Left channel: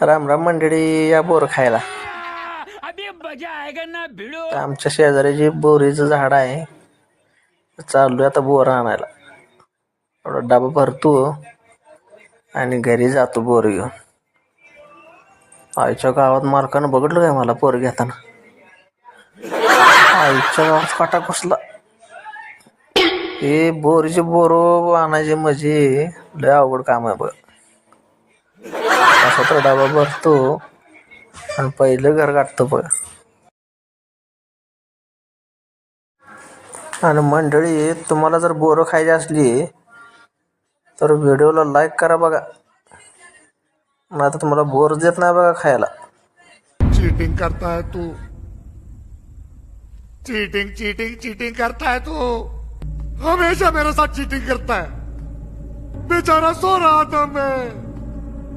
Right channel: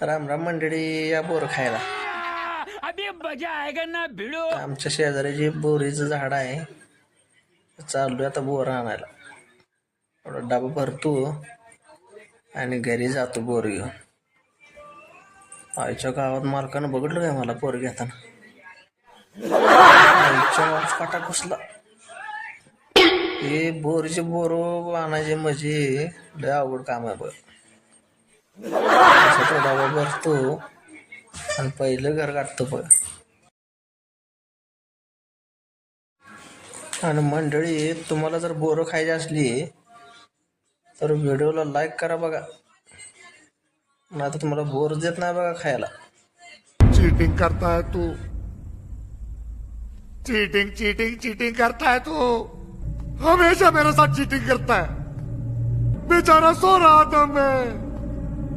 राम राम मंडळी, या बोर खायला. आमच्या शेजारी बोरीचं झाड आहे, चाललोय आता बोर आणायला. थोडा डबा भरतो आणि घरी जातो बोर घेऊन. आईच्या गावात मालकानं बघितलं काय मला पोर घेताना. आईच्या गावात काटा घुसला. हे बोरीचे बोर आणायचे म्हणजे लय अवघड काम आहे बघ. असा तर डबा भरतो आणि पहिलं घर गाठतो बघ. आणि मंडळी, तुम्हाला जर बोरं खायची असली तर व्हिडिओला लाईक करा बघा, नाही तर तुम्हाला बोर देत नाही बघा खायला. चीटिंग करता है तू, चीटिंग चीटिंग चीटिंग करता है तू, हमेशा मेरे साथ चीटिंग करता है. बेचारा सो रहा था मैं,